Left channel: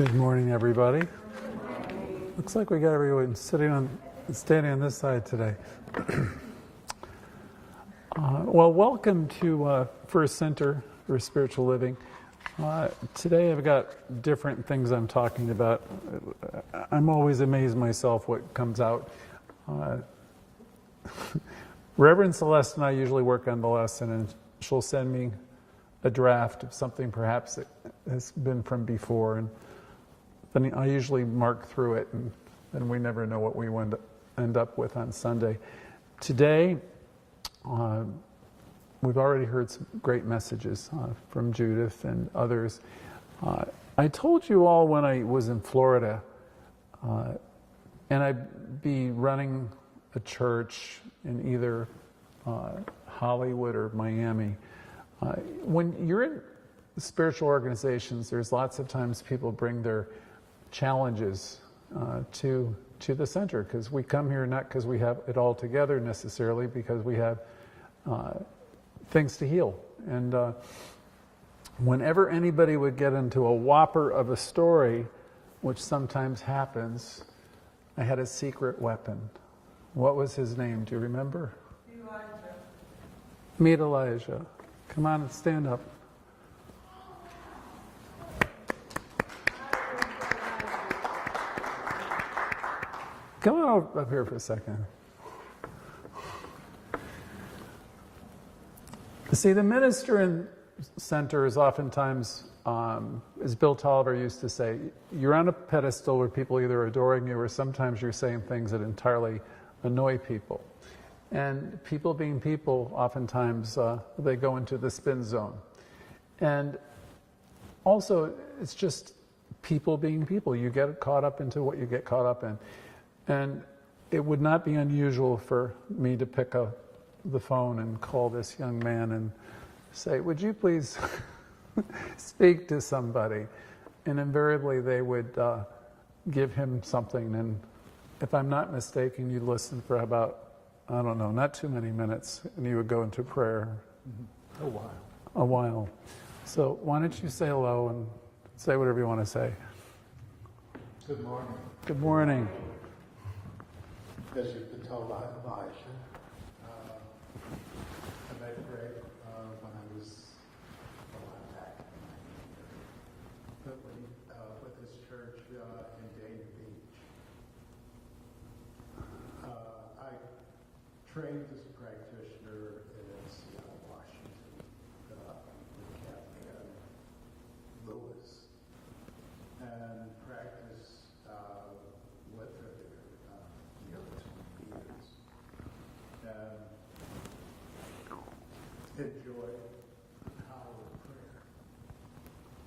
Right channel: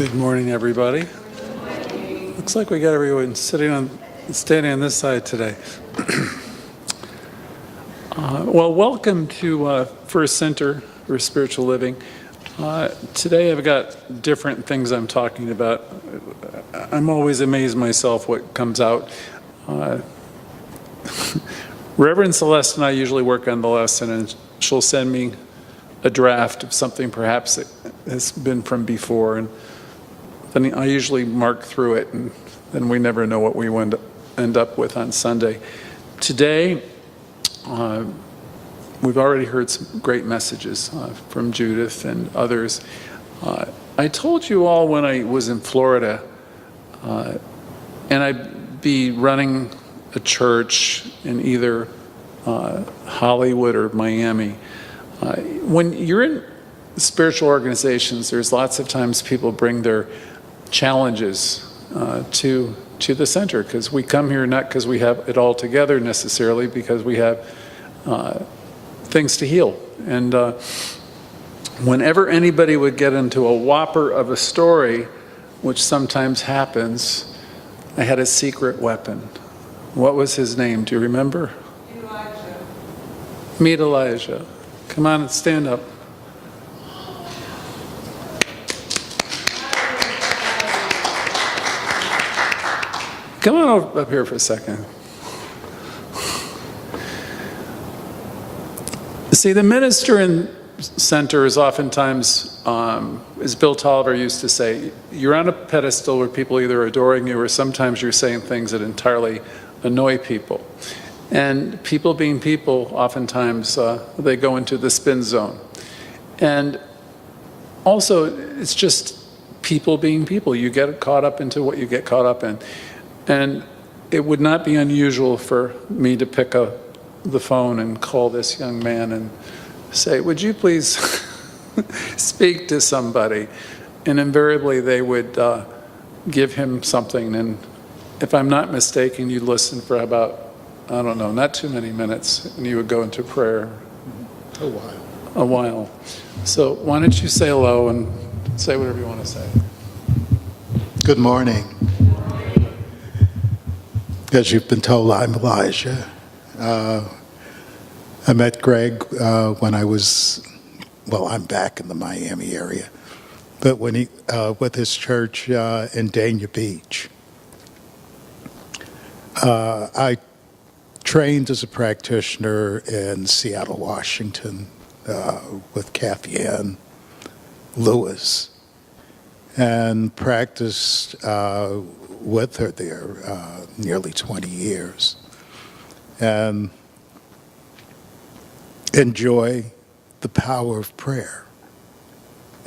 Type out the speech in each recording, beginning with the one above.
Good morning, everybody. Looks like we got everyone standing on this side today. Well, welcome to First Center for Spiritual Living. Today I've got different things I'm talking about. I'm always amazed myself what comes out. Reverend Celeste and I usually work on the lesson, and she'll send me a draft of something perhaps that has been from before, and then I usually mark through it, and then we never know what we end up with on Sunday. Today, we've already heard some great messages from Judith and others. I told you all when I was in Florida, and I'd be running a church in either Hollywood or Miami. When you're in spiritual organizations, there's lots of times people bring their challenges to the center, because we come here not because we have it all together necessarily, because we have things to heal. And whenever anybody would get into a whopper of a story, which sometimes happens, I had a secret weapon. What was his name? Do you remember? Elijah. Meet Elijah. Come on, stand up. Come on up here for a second. See, the minister in center is oftentimes, as Bill Tolliver used to say, you're on a pedestal where people are either adoring you or sometimes you're saying things that entirely annoy people. And people being people, oftentimes they go into the spin zone. And also, it's just people being people. You get caught up into what you get caught up in. And it would not be unusual for me to pick up the phone and call this young man and say, would you please speak to somebody? And invariably they would give him something. And if I'm not mistaken, you'd listen for about, I don't know, not too many minutes, and you would go into prayer. A while. So why don't you say hello and say whatever you want to say. Good morning. Good morning. As you've been told, I'm Elijah. I met Greg when I was, I'm back in the Miami area, but when he, with his church in Dania Beach. I trained as a practitioner in Seattle, Washington, with Kathy Ann Lewis, and practiced with her there nearly 20 years, and enjoy the power of prayer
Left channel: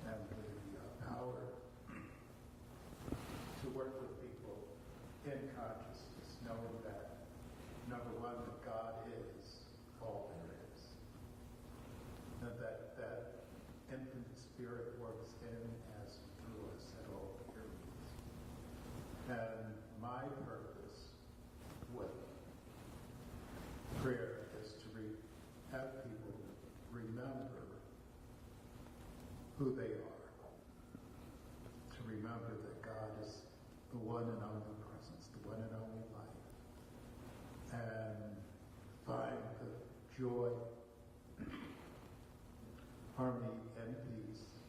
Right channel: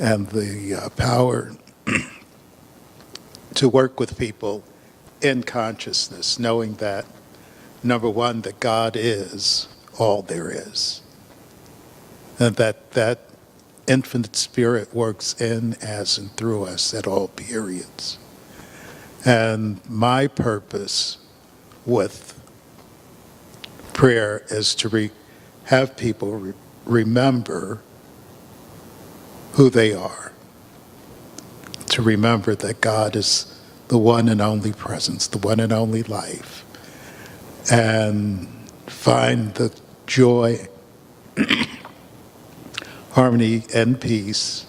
and the power to work with people in consciousness, knowing that, number one, that God is all there is, and that infinite spirit works in, as, and through us at all periods. And my purpose with prayer is to have people remember who they are, to remember that God is the one and only presence, the one and only life, and find the joy, harmony, and peace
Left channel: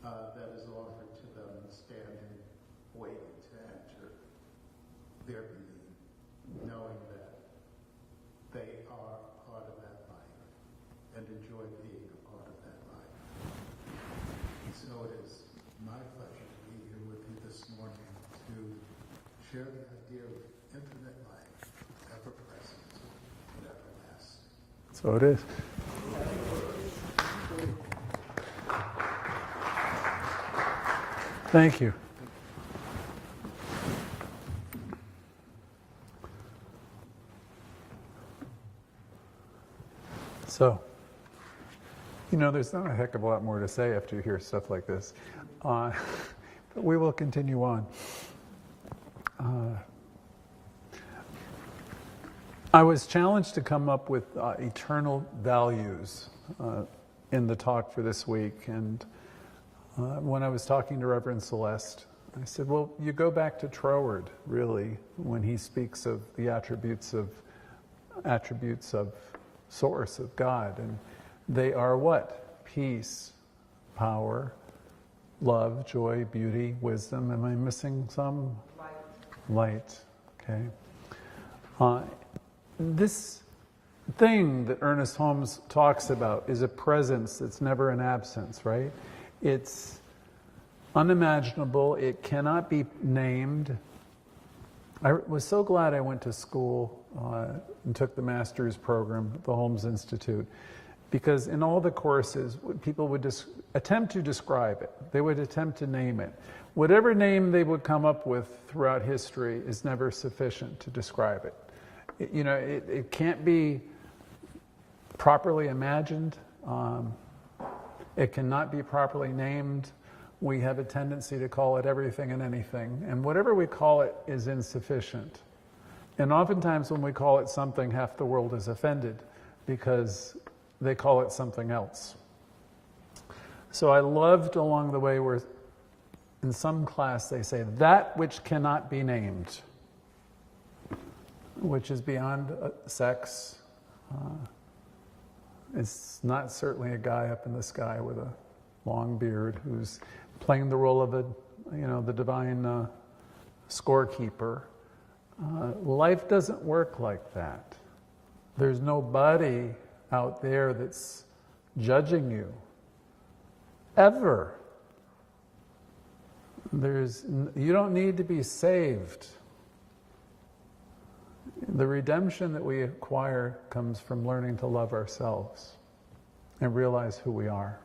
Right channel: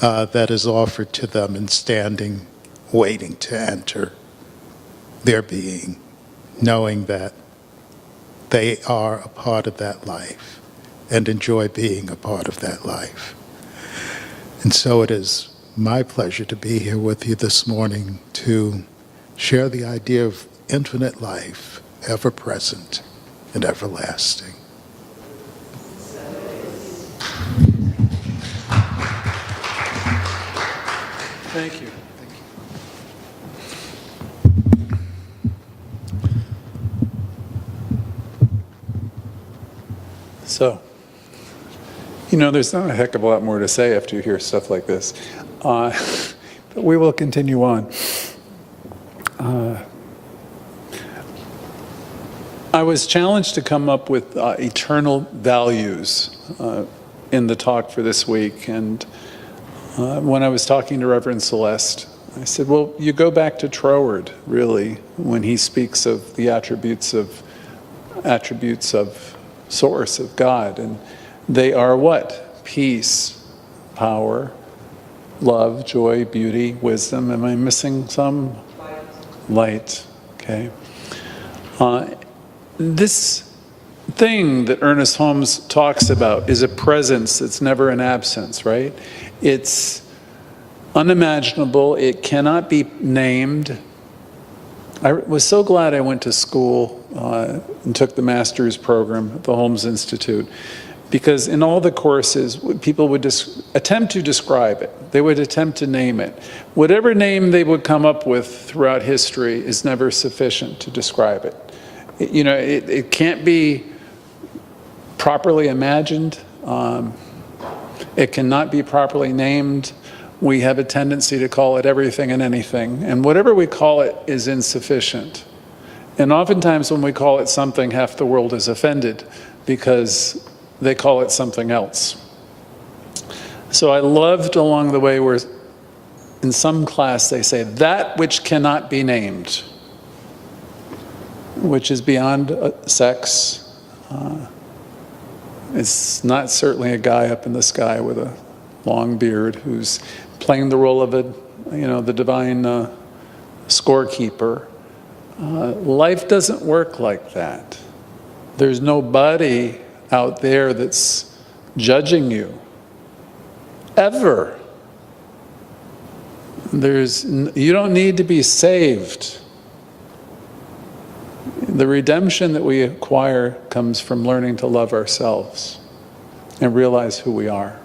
that is offered to them in standing, waiting to enter their being, knowing that they are a part of that life and enjoy being a part of that life. And so it is my pleasure to be here with you this morning to share the idea of infinite life, ever present and everlasting. So it is. Thank you. So, there's not a heck of a lot more to say after you hear stuff like this, but we will continue on. I was challenged to come up with eternal values in the talk for this week, and when I was talking to Reverend Celeste. I said, well, you go back to Troward, really, when he speaks of the attributes of source, of God. And they are what? Peace, power, love, joy, beauty, wisdom. Am I missing some? Light. Okay. This thing that Ernest Holmes talks about is a presence that's never an absence, right? It's unimaginable. It cannot be named. I was so glad I went to school and took the master's program at the Holmes Institute, because in all the courses, people would attempt to describe it. They would attempt to name it. Whatever name they would come up with throughout history is never sufficient to describe it. It can't be properly imagined. It cannot be properly named. We have a tendency to call it everything and anything, and whatever we call it is insufficient. And oftentimes when we call it something, half the world is offended because they call it something else. So I loved along the way where in some class they say, that which cannot be named, which is beyond sex. It's not certainly a guy up in the sky with a long beard who's playing the role of the divine scorekeeper. Life doesn't work like that. There's nobody out there that's judging you, ever. You don't need to be saved. The redemption that we acquire comes from learning to love ourselves and realize who we are.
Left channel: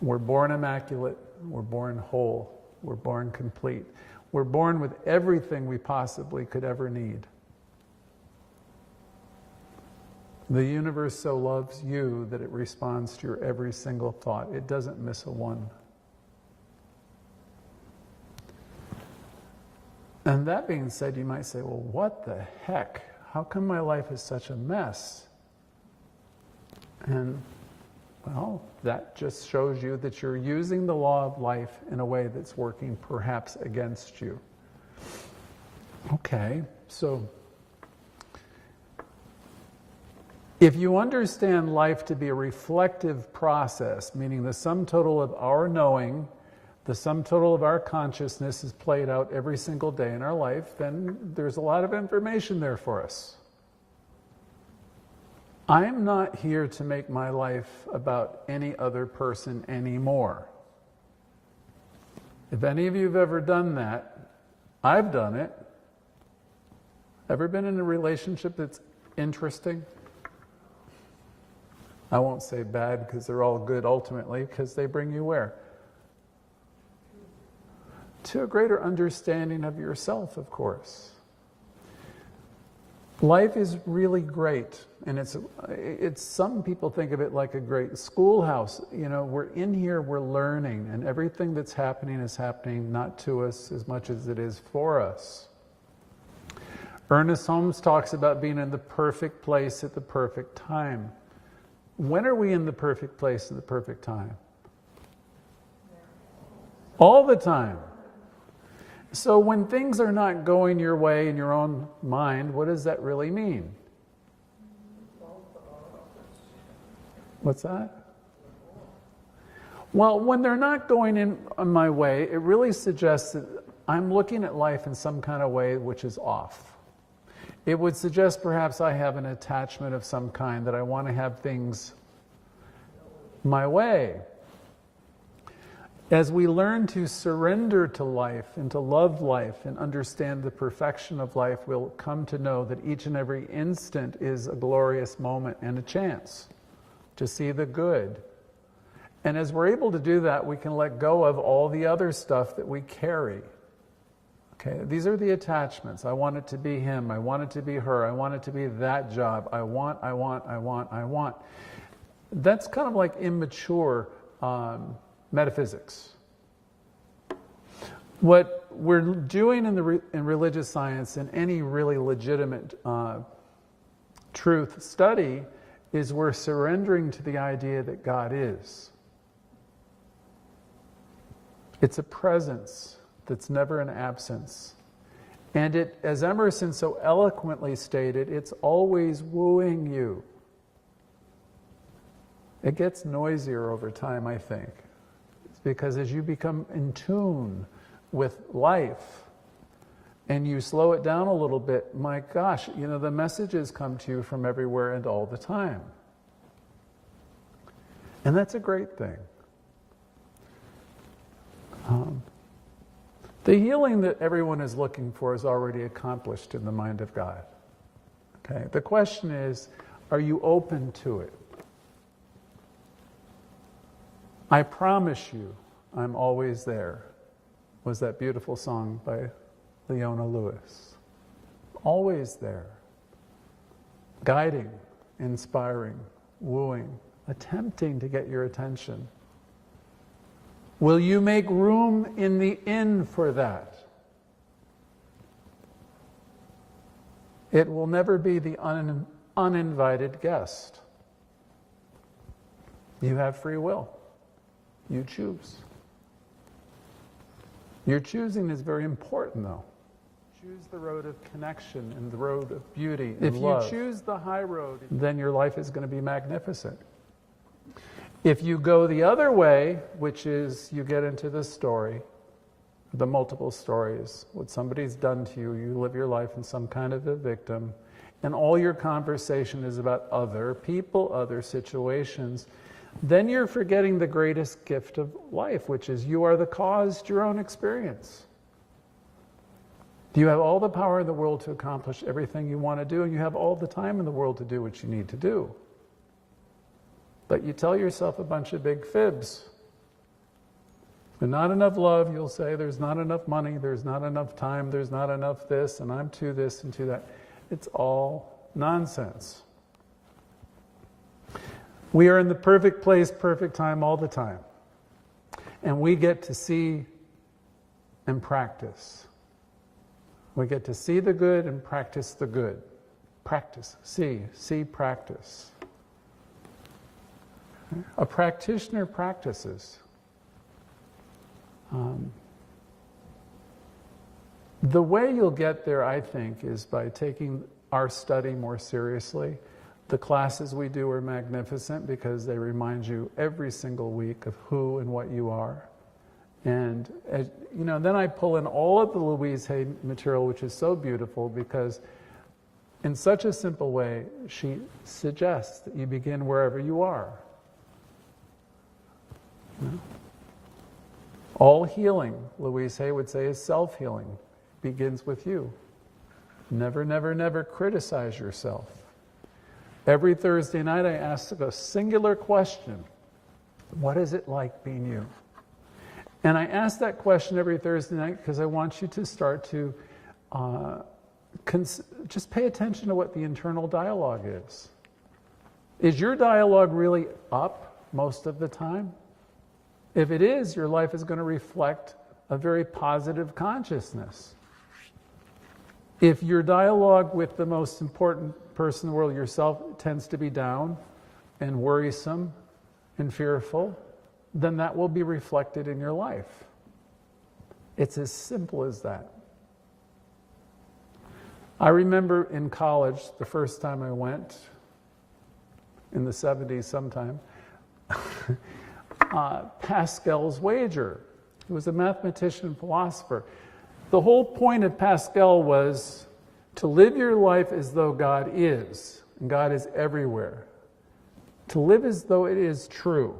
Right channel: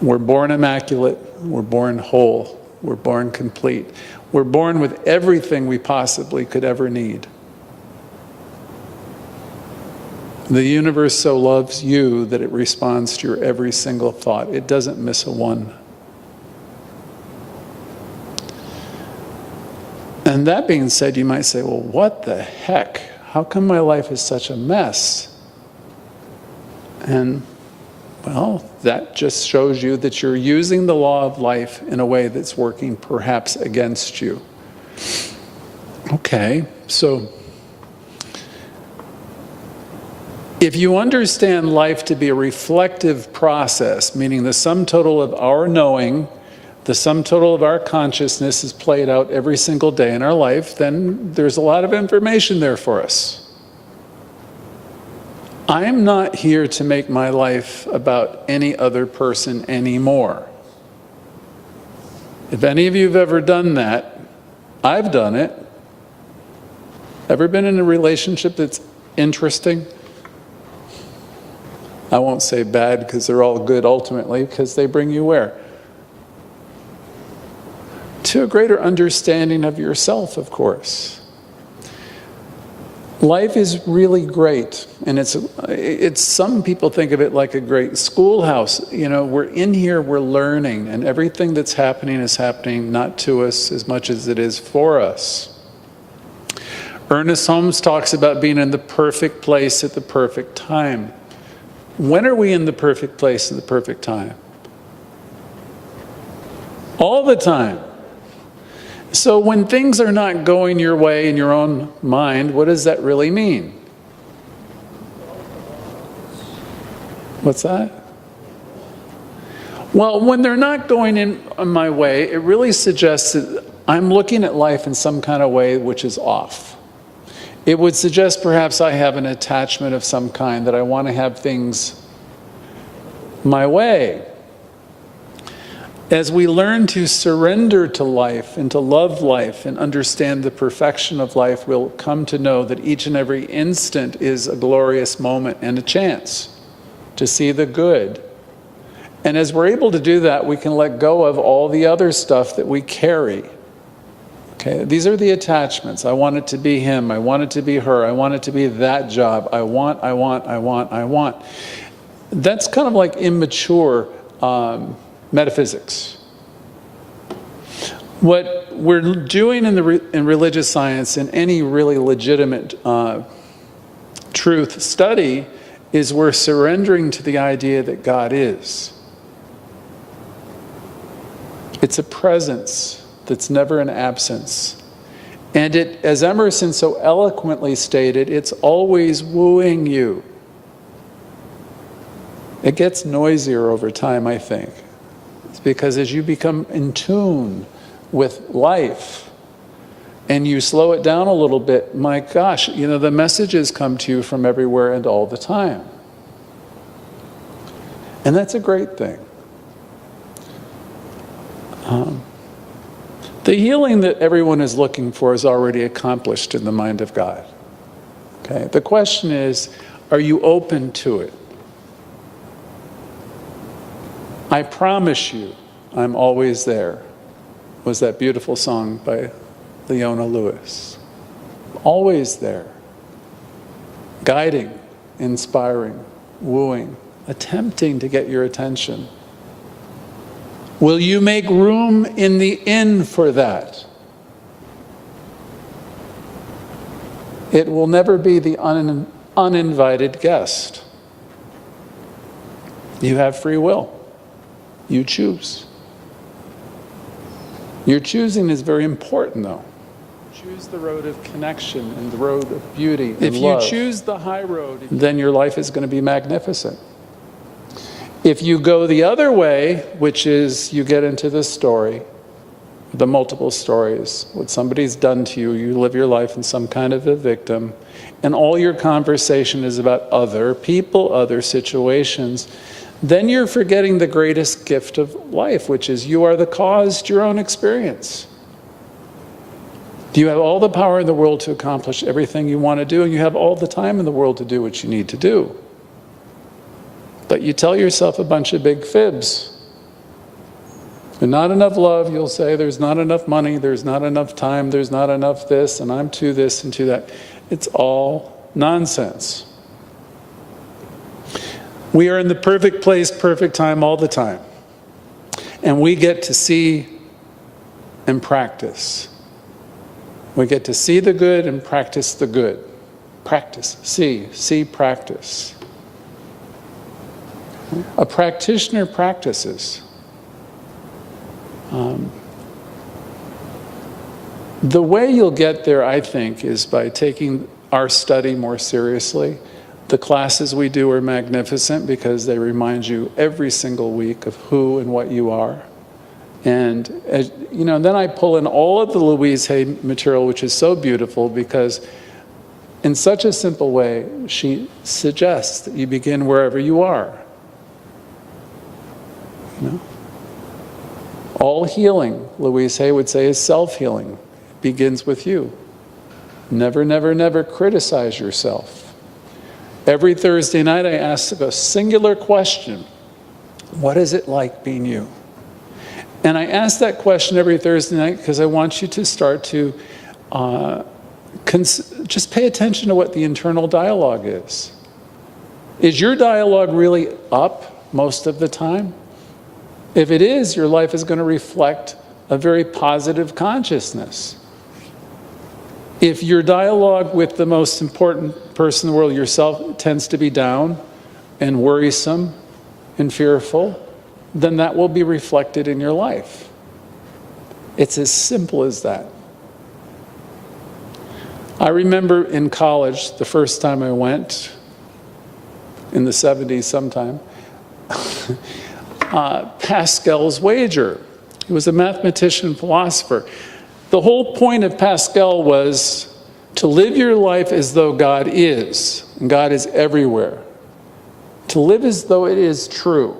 We're born immaculate, we're born whole, we're born complete. We're born with everything we possibly could ever need. The universe so loves you that it responds to your every single thought. It doesn't miss a one. And that being said, you might say, well, what the heck? How come my life is such a mess? And, well, that just shows you that you're using the law of life in a way that's working perhaps against you. Okay, so if you understand life to be a reflective process, meaning the sum total of our knowing, the sum total of our consciousness is played out every single day in our life, then there's a lot of information there for us. I'm not here to make my life about any other person anymore. If any of you have ever done that, I've done it. Ever been in a relationship that's interesting? I won't say bad because they're all good ultimately, because they bring you where? To a greater understanding of yourself, of course. Life is really great, and it's some people think of it like a great schoolhouse. We're in here, we're learning, and everything that's happening is happening not to us as much as it is for us. Ernest Holmes talks about being in the perfect place at the perfect time. When are we in the perfect place at the perfect time? All the time. So when things are not going your way in your own mind, what does that really mean? What's that? Well, when they're not going in my way, it really suggests that I'm looking at life in some kind of way which is off. It would suggest perhaps I have an attachment of some kind, that I want to have things my way. As we learn to surrender to life and to love life and understand the perfection of life, we'll come to know that each and every instant is a glorious moment and a chance to see the good. And as we're able to do that, we can let go of all the other stuff that we carry. Okay, these are the attachments. I want it to be him. I want it to be her. I want it to be that job. I want. That's kind of like immature metaphysics. What we're doing in religious science, in any really legitimate truth study, is we're surrendering to the idea that God is. It's a presence that's never an absence. And it, as Emerson so eloquently stated, it's always wooing you. It gets noisier over time, I think. It's because as you become in tune with life and you slow it down a little bit, my gosh, you know, the messages come to you from everywhere and all the time. And that's a great thing. The healing that everyone is looking for is already accomplished in the mind of God. Okay? The question is, are you open to it? I promise you, I'm always there, was that beautiful song by Leona Lewis. Always there. Guiding, inspiring, wooing, attempting to get your attention. Will you make room in the inn for that? It will never be the uninvited guest. You have free will. You choose. Your choosing is very important, though. Choose the road of connection and the road of beauty and love. If you choose the high road, then your life is going to be magnificent. If you go the other way, which is you get into the story, the multiple stories, what somebody's done to you, you live your life in some kind of a victim, and all your conversation is about other people, other situations, then you're forgetting the greatest gift of life, which is you are the cause to your own experience. You have all the power in the world to accomplish everything you want to do, and you have all the time in the world to do what you need to do. But you tell yourself a bunch of big fibs. There's not enough love, you'll say, there's not enough money, there's not enough time, there's not enough this, and I'm to this and to that. It's all nonsense. We are in the perfect place, perfect time all the time. And we get to see and practice. We get to see the good and practice the good. Practice, see, practice. A practitioner practices. The way you'll get there, I think, is by taking our study more seriously. The classes we do are magnificent because they remind you every single week of who and what you are. And you know, then I pull in all of the Louise Hay material, which is so beautiful because in such a simple way, she suggests that you begin wherever you are. You know? All healing, Louise Hay would say, is self-healing. It begins with you. Never, never, never criticize yourself. Every Thursday night I ask a singular question. What is it like being you? And I ask that question every Thursday night because I want you to start to just pay attention to what the internal dialogue is. Is your dialogue really up most of the time? If it is, your life is going to reflect a very positive consciousness. If your dialogue with the most important person in the world, yourself, tends to be down and worrisome and fearful, then that will be reflected in your life. It's as simple as that. I remember in college, the first time I went, in the 70s sometime, Pascal's wager. He was a mathematician and philosopher. The whole point of Pascal was to live your life as though God is, and God is everywhere. To live as though it is true.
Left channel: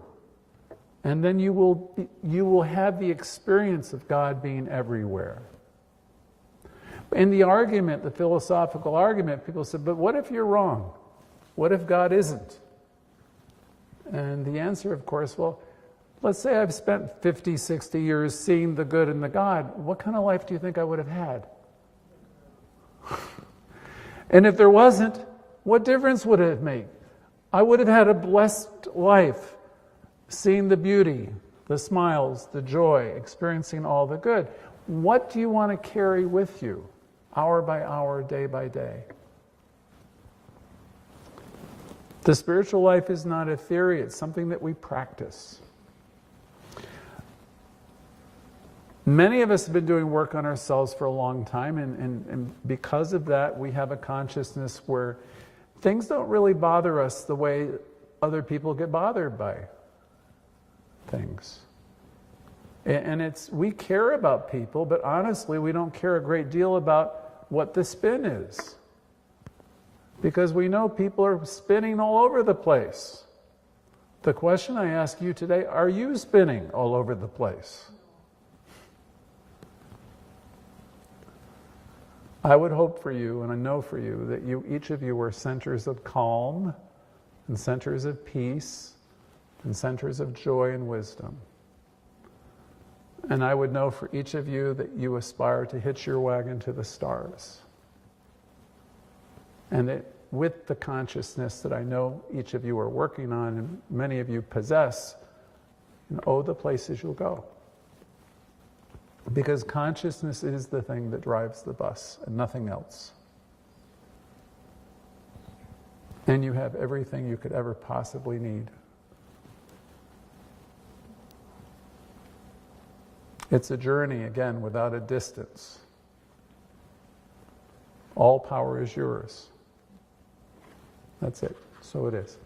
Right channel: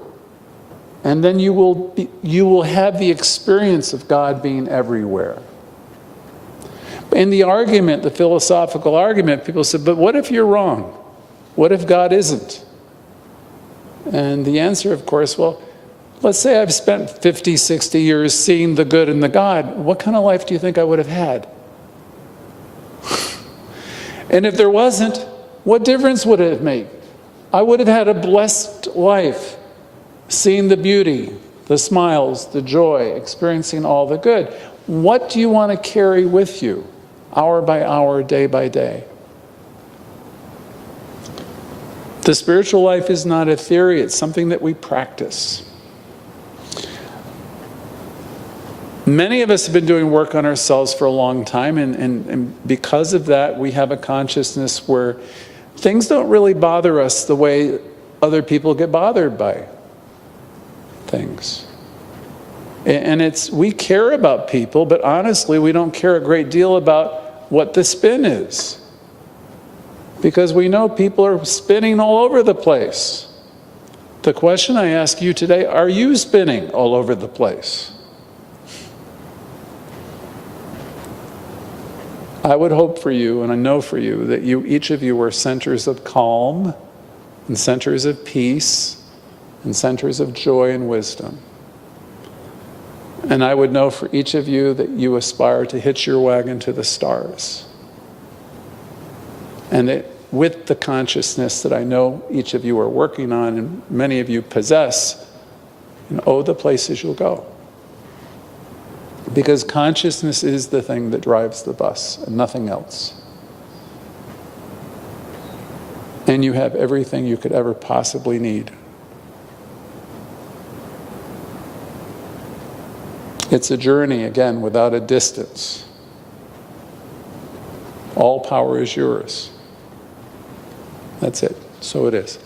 And then you will have the experience of God being everywhere. In the argument, the philosophical argument, people said, but what if you're wrong? What if God isn't? And the answer, of course, well, let's say I've spent 50, 60 years seeing the good in the God. What kind of life do you think I would have had? And if there wasn't, what difference would it make? I would have had a blessed life, seeing the beauty, the smiles, the joy, experiencing all the good. What do you want to carry with you, hour by hour, day by day? The spiritual life is not a theory, it's something that we practice. Many of us have been doing work on ourselves for a long time, and because of that, we have a consciousness where things don't really bother us the way other people get bothered by things. And we care about people, but honestly, we don't care a great deal about what the spin is. Because we know people are spinning all over the place. The question I ask you today, are you spinning all over the place? I would hope for you, and I know for you, that each of you are centers of calm, and centers of peace, and centers of joy and wisdom. And I would know for each of you that you aspire to hitch your wagon to the stars. And that with the consciousness that I know each of you are working on, and many of you possess, the places you'll go. Because consciousness is the thing that drives the bus, and nothing else. And you have everything you could ever possibly need. It's a journey, again, without a distance. All power is yours. That's it. So it is.